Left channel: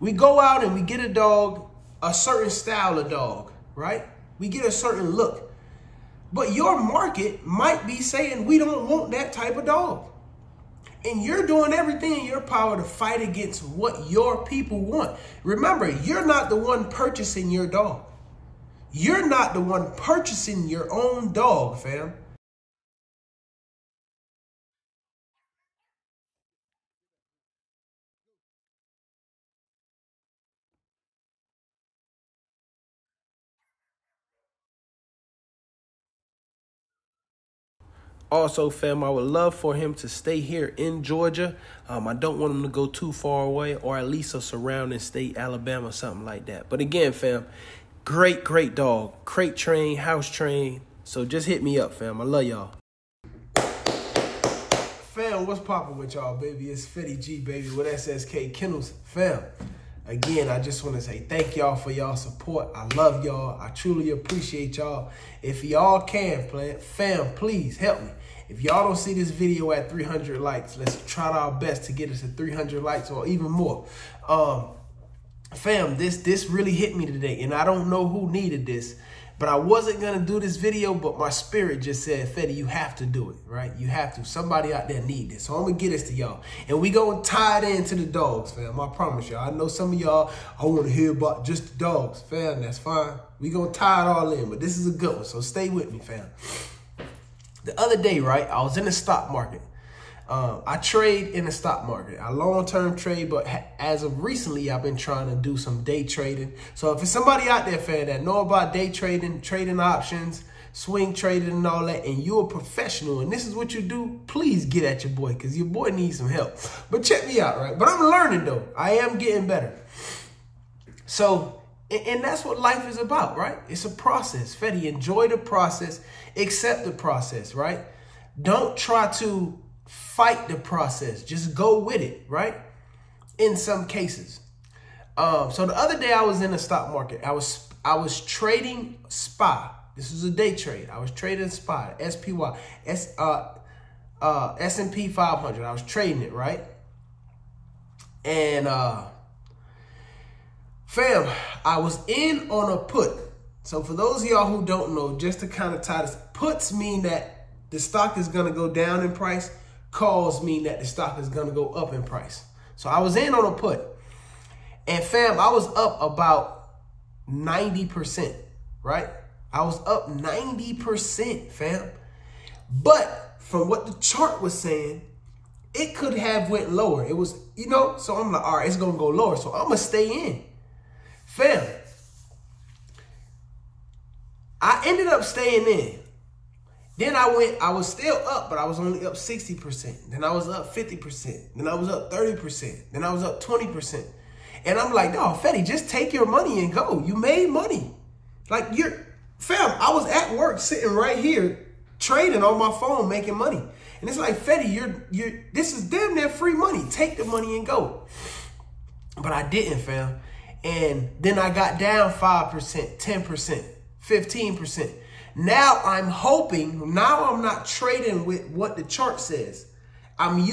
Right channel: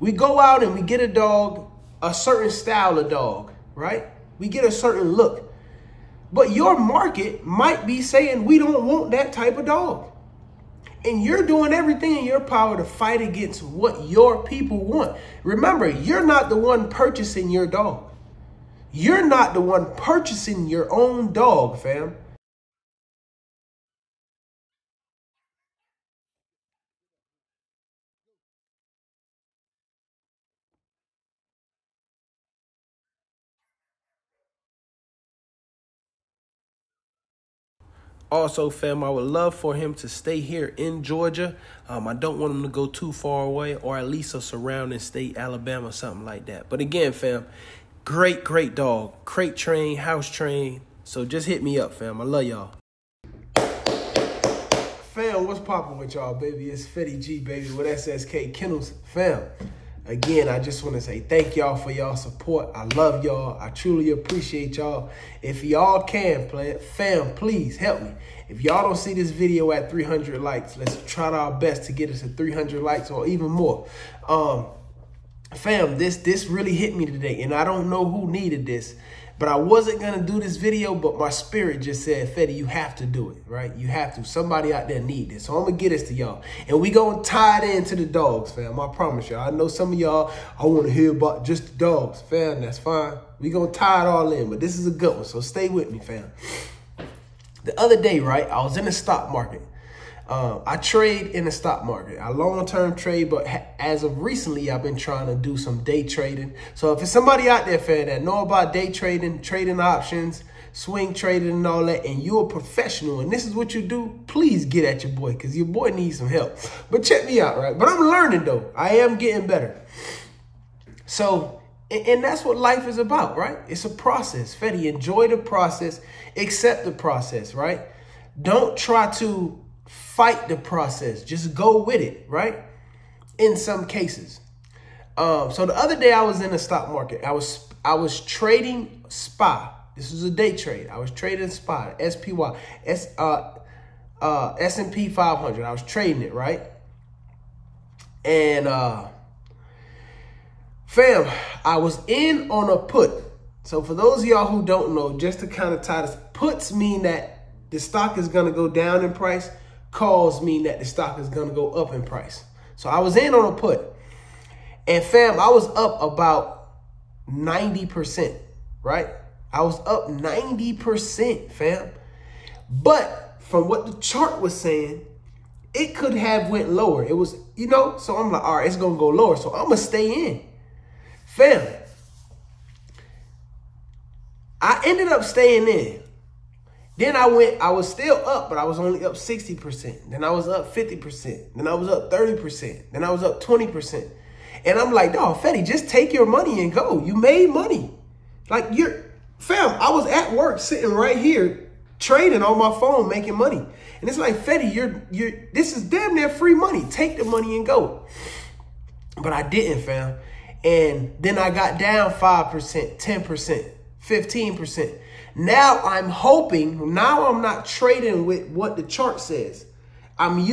We go out and we get a dog, a certain style of dog, right? We get a certain look. But your market might be saying we don't want that type of dog. And you're doing everything in your power to fight against what your people want. Remember, you're not the one purchasing your dog. You're not the one purchasing your own dog, fam. Also, fam, I would love for him to stay here in Georgia. I don't want him to go too far away, or at least a surrounding state, Alabama, something like that. But again, fam, great dog. Crate trained, house trained. So just hit me up, fam. I love y'all. Fam, what's poppin' with y'all, baby? It's Fetty G, baby, with SSK Kennels. Fam, again, I just want to say thank y'all for y'all support. I love y'all. I truly appreciate y'all. If y'all can, fam, please help me. If y'all don't see this video at 300 likes, let's try our best to get us to 300 likes or even more. Fam, this really hit me today, and I don't know who needed this, but I wasn't going to do this video, but my spirit just said, Fetty, you have to do it, right? You have to. Somebody out there need this. So I'm going to get this to y'all, and we going to tie it into the dogs, fam. I promise y'all. I know some of y'all, I want to hear about just the dogs, fam. That's fine. We going to tie it all in, but this is a good one, so stay with me, fam. The other day, right, I was in the stock market. I trade in the stock market. I long-term trade, but as of recently, I've been trying to do some day trading. So if it's somebody out there, fam, that know about day trading, trading options, swing trading and all that, and you're a professional and this is what you do, please get at your boy, because your boy needs some help. But check me out, right? But I'm learning, though. I am getting better. So, and that's what life is about, right? It's a process. Fetty, enjoy the process. Accept the process, right? Don't try to fight the process. Just go with it, right? In some cases. So the other day I was in the stock market. I was trading SPY. This was a day trade. I was trading SPY, SPY, S&P 500. I was trading it, right? And fam, I was in on a put. So for those of y'all who don't know, just to kind of tie this, puts mean that the stock is going to go down in price. Calls mean that the stock is going to go up in price. So I was in on a put. And fam, I was up about 90%, right? I was up 90%, fam. But from what the chart was saying, it could have went lower. It was, you know, so I'm like, all right, it's going to go lower. So I'm going to stay in. Fam, I ended up staying in. Then I was still up, but I was only up 60%. Then I was up 50%. Then I was up 30%. Then I was up 20%. And I'm like, dog, Fetty, just take your money and go. You made money. Like, fam, I was at work sitting right here trading on my phone, making money. And it's like, Fetty, this is damn near free money. Take the money and go. But I didn't, fam. And then I got down 5%, 10%, 15%. Now I'm hoping, now I'm not trading with what the chart says. I'm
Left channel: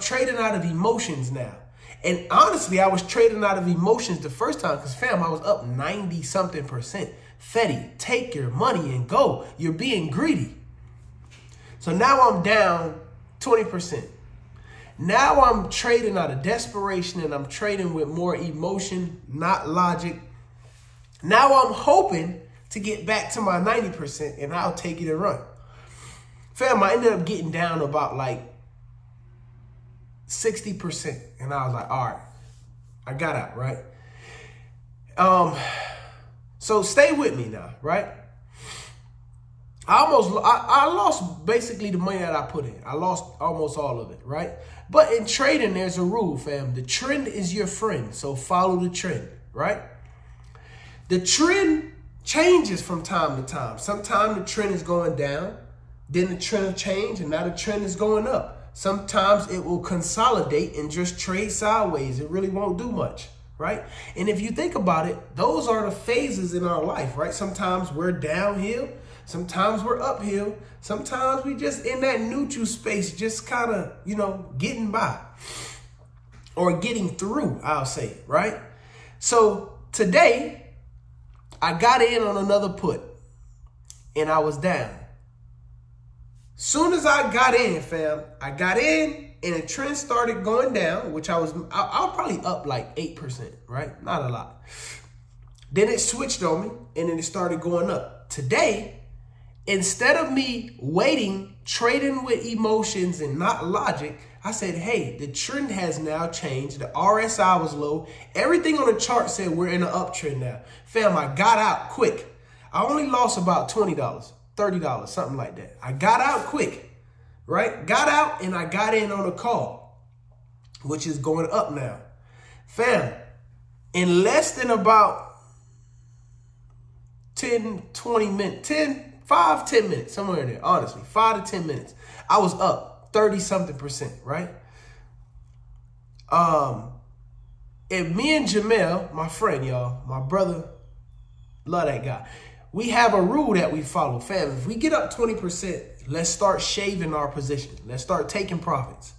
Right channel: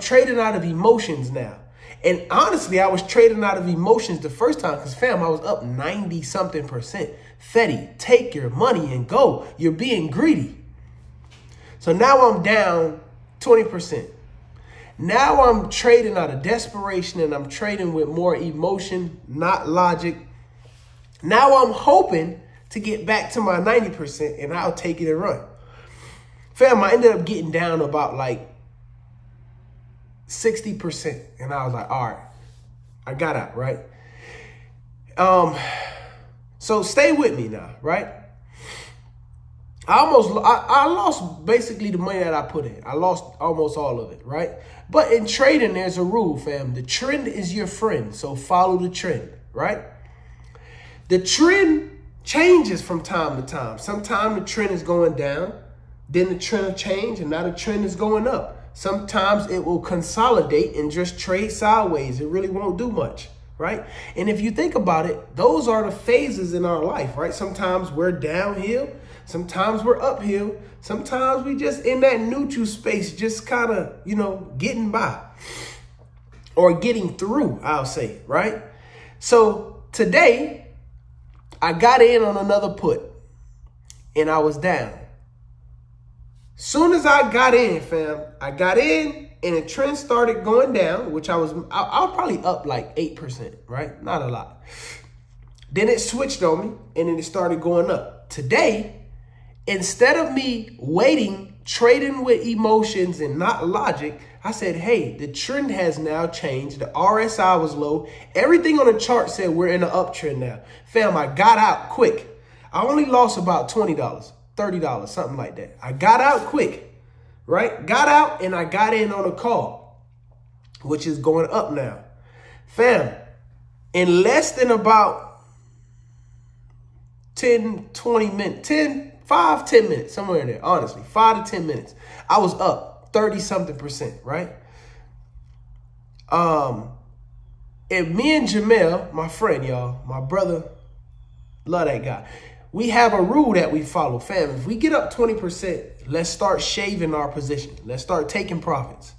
trading out of emotions now. And honestly, I was trading out of emotions the first time because, fam, I was up 90-something%. Fetty, take your money and go. You're being greedy. So now I'm down 20%. Now I'm trading out of desperation and I'm trading with more emotion, not logic. Now I'm hoping to get back to my 90% and I'll take it and run. Fam, I ended up getting down about like 60%. And I was like, all right, I got out, right? So stay with me now, right? I lost basically the money that I put in. I lost almost all of it, right? But in trading, there's a rule, fam. The trend is your friend, so follow the trend, right? The trend changes from time to time. Sometimes the trend is going down, then the trend will change, and now the trend is going up. Sometimes it will consolidate and just trade sideways. It really won't do much, right? And if you think about it, those are the phases in our life, right? Sometimes we're downhill. Sometimes we're uphill. Sometimes we just in that neutral space, just kind of, you know, getting by or getting through, I'll say, right? So today, I got in on another put, and I was down. Soon as I got in, fam, I got in, and the trend started going down, which I was probably up like 8%, right? Not a lot. Then it switched on me, and then it started going up. Today, instead of me waiting, trading with emotions and not logic, I said, hey, the trend has now changed. The RSI was low. Everything on the chart said we're in an uptrend now. Fam, I got out quick. I only lost about $20, $30, something like that. I got out quick, right? Got out and I got in on a call, which is going up now. Fam, in less than about 10, 20 minutes, 5, 10 minutes, somewhere in there, honestly, 5 to 10 minutes, I was up 30-something%, right? And me and Jamel, my friend, y'all, my brother, love that guy. We have a rule that we follow, fam. If we get up 20%, let's start shaving our position. Let's start taking profits.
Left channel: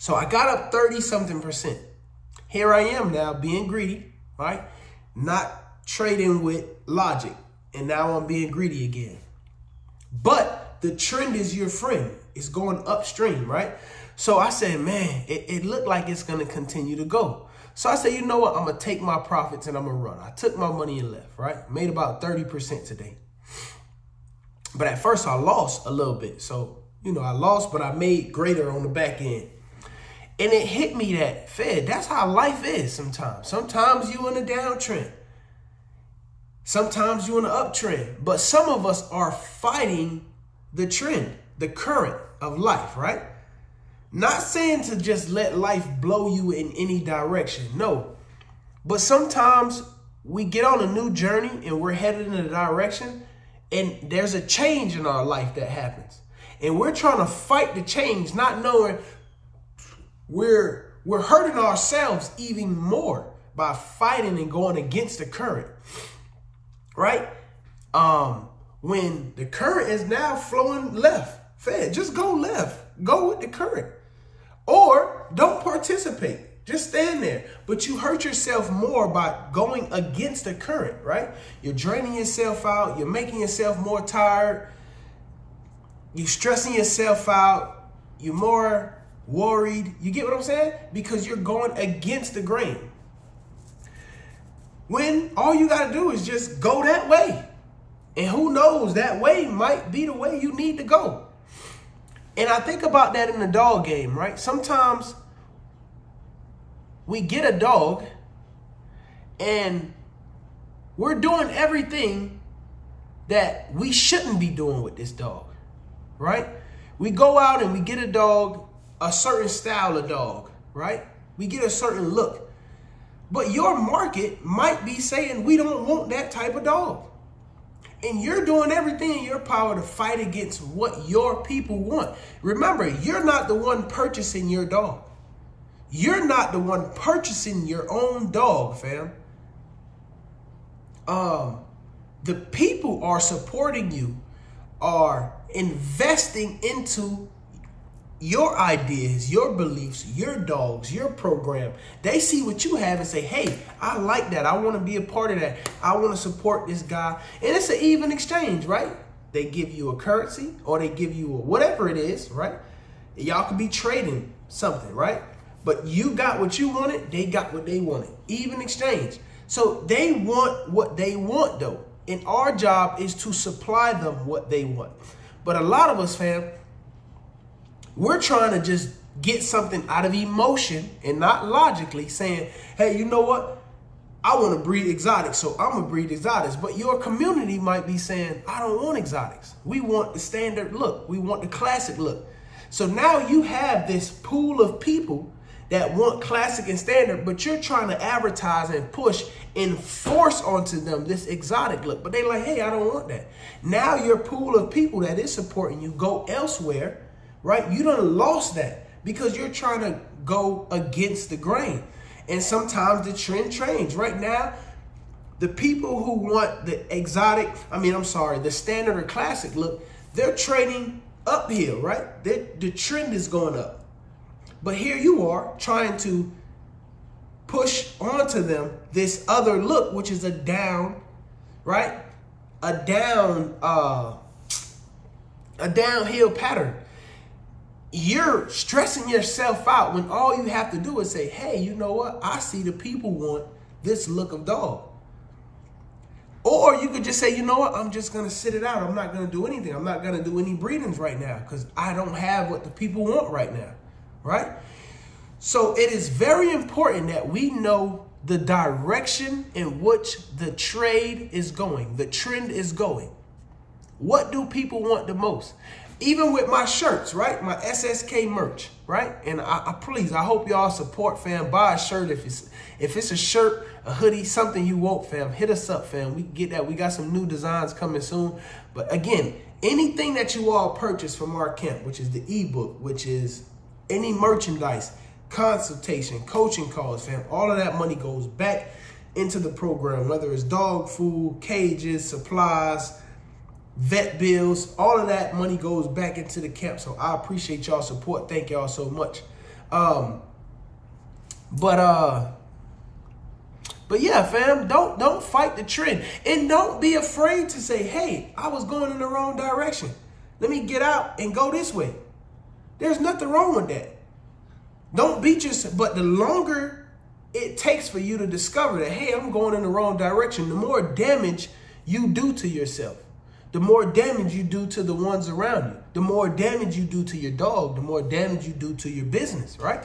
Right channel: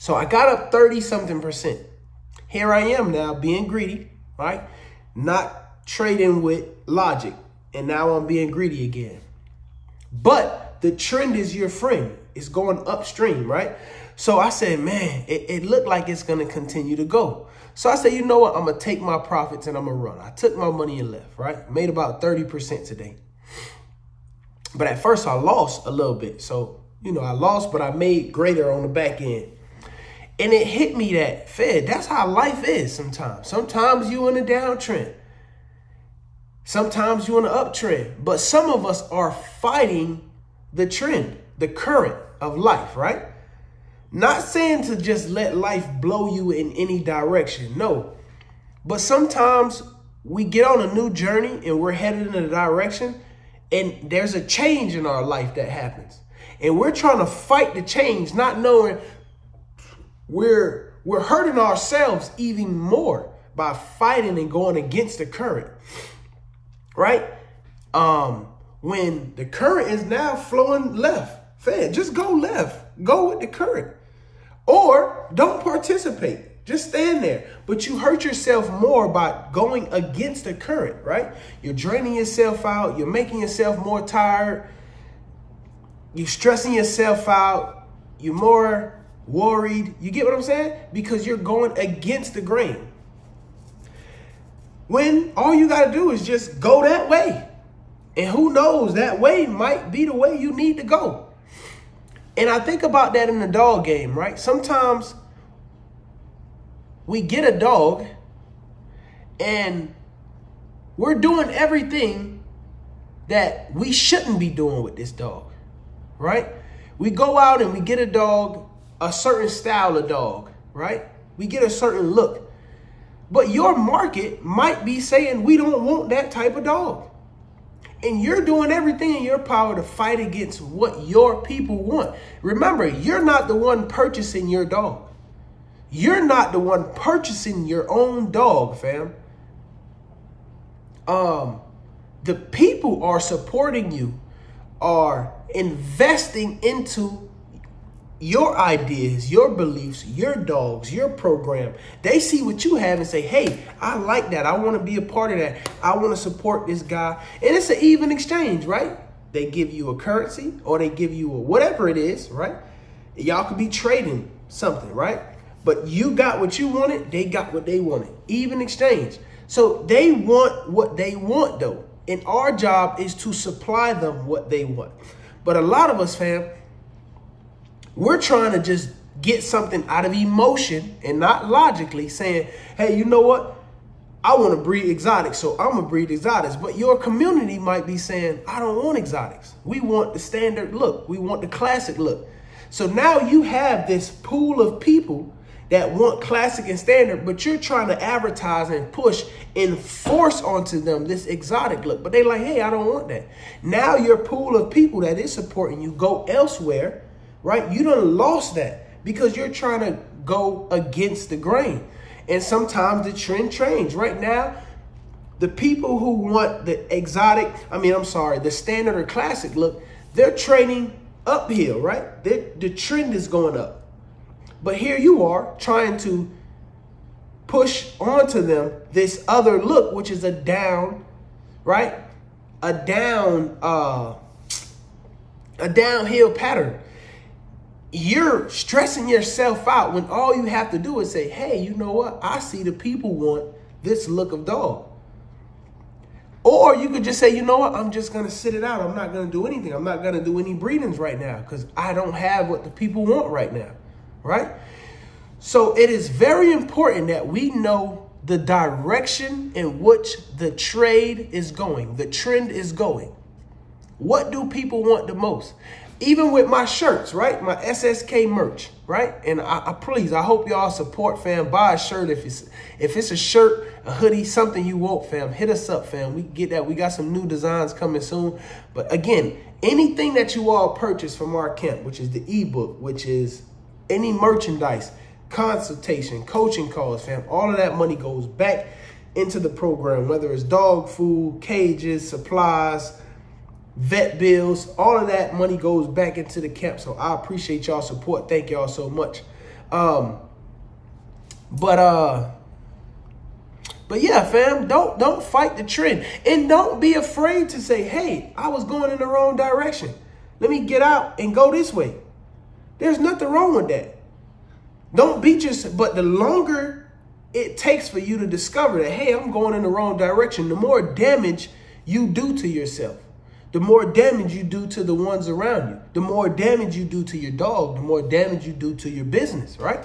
So I got up 30-something%. Here I am now being greedy, right? Not trading with logic. And now I'm being greedy again. But the trend is your friend. It's going upstream, right? So I said, man, it looked like it's going to continue to go. So I said, you know what? I'm going to take my profits and I'm going to run. I took my money and left, right? Made about 30% today. But at first I lost a little bit. So, you know, I lost, but I made greater on the back end. And it hit me that, Fed, that's how life is sometimes. Sometimes you in a downtrend. Sometimes you're in an uptrend. But some of us are fighting the trend, the current of life, right? Not saying to just let life blow you in any direction. No. But sometimes we get on a new journey and we're headed in a direction and there's a change in our life that happens. And we're trying to fight the change, not knowing we're hurting ourselves even more by fighting and going against the current, right? When the current is now flowing left, Fed, just go left. Go with the current. Or don't participate. Just stand there. But you hurt yourself more by going against the current, right? You're draining yourself out. You're making yourself more tired. You're stressing yourself out. You're more worried. You get what I'm saying? Because you're going against the grain. When all you got to do is just go that way. And who knows, that way might be the way you need to go. And I think about that in the dog game, right? Sometimes we get a dog and we're doing everything that we shouldn't be doing with this dog, right? We go out and we get a dog, a certain style of dog, right? We get a certain look. But your market might be saying we don't want that type of dog. And you're doing everything in your power to fight against what your people want. Remember, you're not the one purchasing your dog. You're not the one purchasing your own dog, fam. The people are supporting you, are investing into your ideas, your beliefs, your dogs, your program. They see what you have and say, hey, I like that. I want to be a part of that. I want to support this guy. And it's an even exchange, right? They give you a currency or they give you a whatever it is, right? Y'all could be trading something, right? But you got what you wanted. They got what they wanted. Even exchange. So they want what they want, though. And our job is to supply them what they want. But a lot of us, fam, we're trying to just get something out of emotion and not logically saying, hey, you know what? I want to breed exotics, so I'm going to breed exotics. But your community might be saying, I don't want exotics. We want the standard look. We want the classic look. So now you have this pool of people that want classic and standard, but you're trying to advertise and push and force onto them this exotic look. But they're like, hey, I don't want that. Now your pool of people that is supporting you go elsewhere. Right? You done lost that because you're trying to go against the grain. And sometimes the trend changes. Right now, the people who want the exotic, the standard or classic look, they're trading uphill, right? The trend is going up. But here you are trying to push onto them this other look, which is a down, right? A downhill pattern. You're stressing yourself out when all you have to do is say, hey, you know what? I see the people want this look of dog. Or you could just say, you know what? I'm just going to sit it out. I'm not going to do anything. I'm not going to do any breedings right now because I don't have what the people want right now, right? So it is very important that we know the direction in which the trade is going, the trend is going. What do people want the most? Even with my shirts, right? My SSK merch, right? And I hope y'all support, fam. Buy a shirt if it's a shirt, a hoodie, something you want, fam. Hit us up, fam. We get that. We got some new designs coming soon. But again, anything that you all purchase from our camp, which is the ebook, which is any merchandise, consultation, coaching calls, fam, all of that money goes back into the program, whether it's dog food, cages, supplies, vet bills, all of that money goes back into the camp. So I appreciate y'all support. Thank y'all so much. But yeah, fam, don't fight the trend, and don't be afraid to say, hey, I was going in the wrong direction. Let me get out and go this way. There's nothing wrong with that. Don't beat yourself. But the longer it takes for you to discover that, hey, I'm going in the wrong direction, the more damage you do to yourself. The more damage you do to the ones around you, the more damage you do to your dog, the more damage you do to your business, right?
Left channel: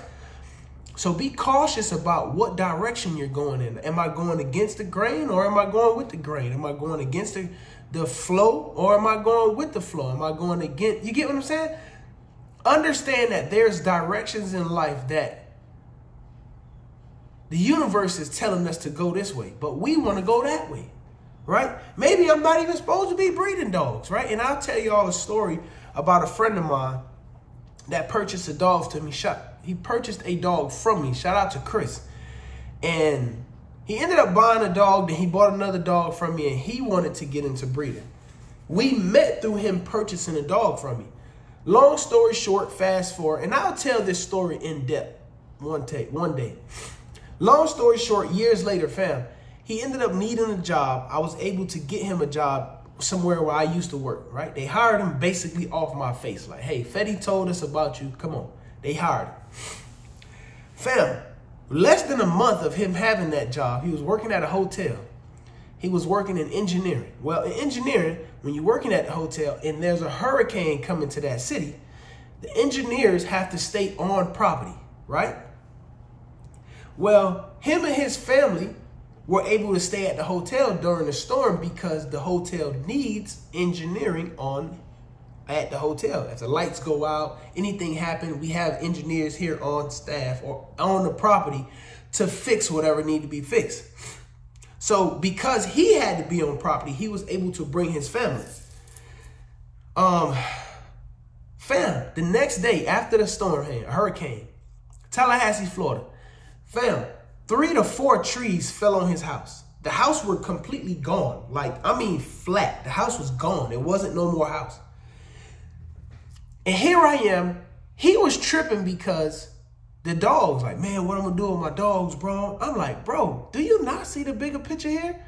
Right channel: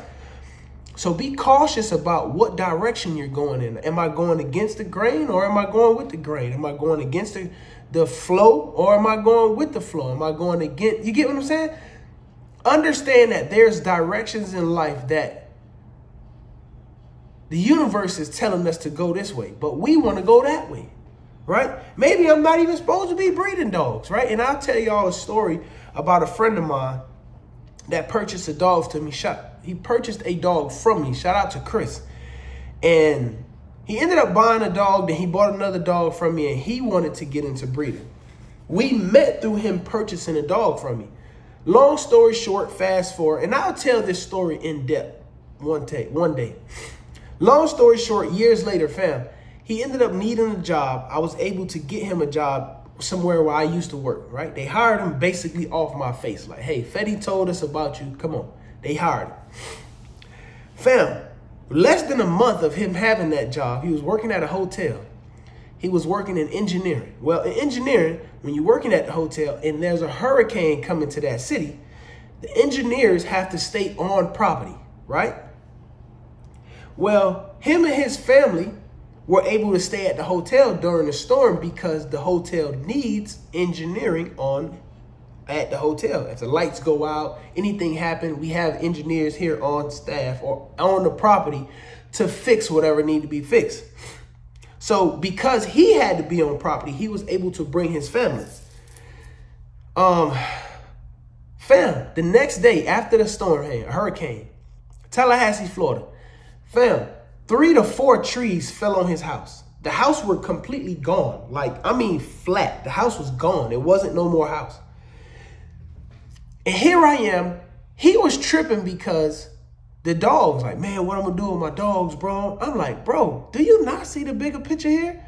So be cautious about what direction you're going in. Am I going against the grain or am I going with the grain? Am I going against the flow or am I going with the flow? Am I going against, you get what I'm saying? Understand that there's directions in life that the universe is telling us to go this way, but we want to go that way. Right? Maybe I'm not even supposed to be breeding dogs, right? And I'll tell y'all a story about a friend of mine that purchased a dog to me. He purchased a dog from me. Shout out to Chris. And he ended up buying a dog, then he bought another dog from me, and he wanted to get into breeding. We met through him purchasing a dog from me. Long story short, fast forward, and I'll tell this story in depth one day. Long story short, years later, fam, he ended up needing a job. I was able to get him a job somewhere where I used to work, right? They hired him basically off my face. Like, hey, Fetty told us about you. Come on. They hired him. Fam, less than a month of him having that job, he was working at a hotel. He was working in engineering. Well, in engineering, when you're working at the hotel and there's a hurricane coming to that city, the engineers have to stay on property, right? Well, him and his family were able to stay at the hotel during the storm because the hotel needs engineering at the hotel. If the lights go out, anything happen, we have engineers here on staff or on the property to fix whatever need to be fixed. So because he had to be on property, he was able to bring his family. Fam, the next day after the storm, hurricane, Tallahassee, Florida, fam, 3 to 4 trees fell on his house. The house were completely gone. Like, I mean, flat. The house was gone. It wasn't no more house. And here I am. He was tripping because the dogs, like, man, what I'm going to do with my dogs, bro? I'm like, bro, do you not see the bigger picture here?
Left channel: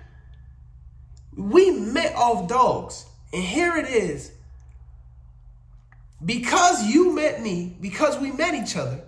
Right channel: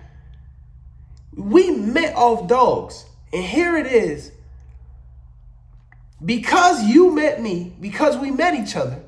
We met off dogs. And here it is. Because you met me, because we met each other,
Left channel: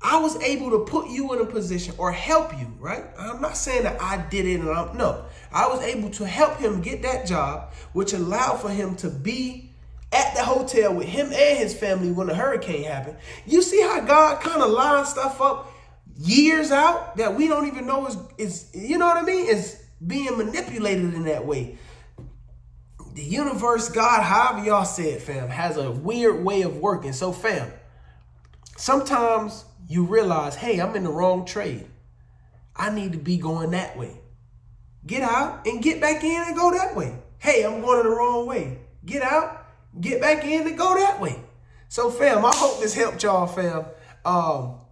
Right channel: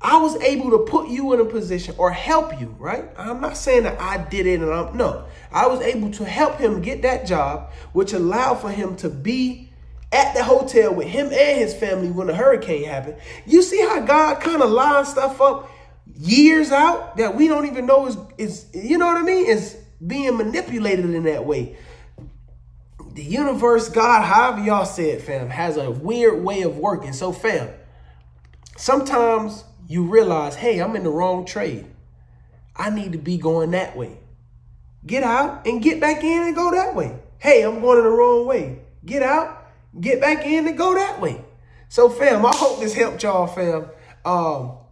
I was able to put you in a position or help you, right? I'm not saying that I did it and no. I was able to help him get that job, which allowed for him to be at the hotel with him and his family when the hurricane happened. You see how God kind of lines stuff up years out that we don't even know is you know what I mean? Is being manipulated in that way. The universe, God, however y'all say it, fam, has a weird way of working. So, fam, sometimes you realize, hey, I'm in the wrong trade. I need to be going that way. Get out and get back in and go that way. Hey, I'm going in the wrong way. Get out, get back in and go that way. So, fam, I hope this helped y'all, fam.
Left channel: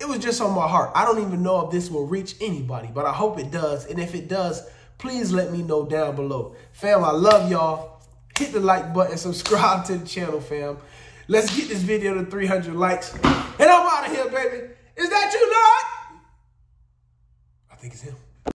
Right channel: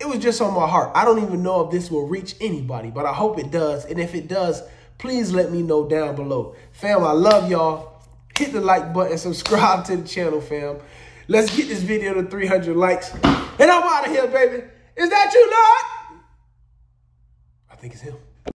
It was just on my heart. I don't even know if this will reach anybody, but I hope it does. And if it does, please let me know down below. Fam, I love y'all. Hit the like button, subscribe to the channel, fam. Let's get this video to 300 likes. And I'm out of here, baby. Is that you, Lord? think it's him.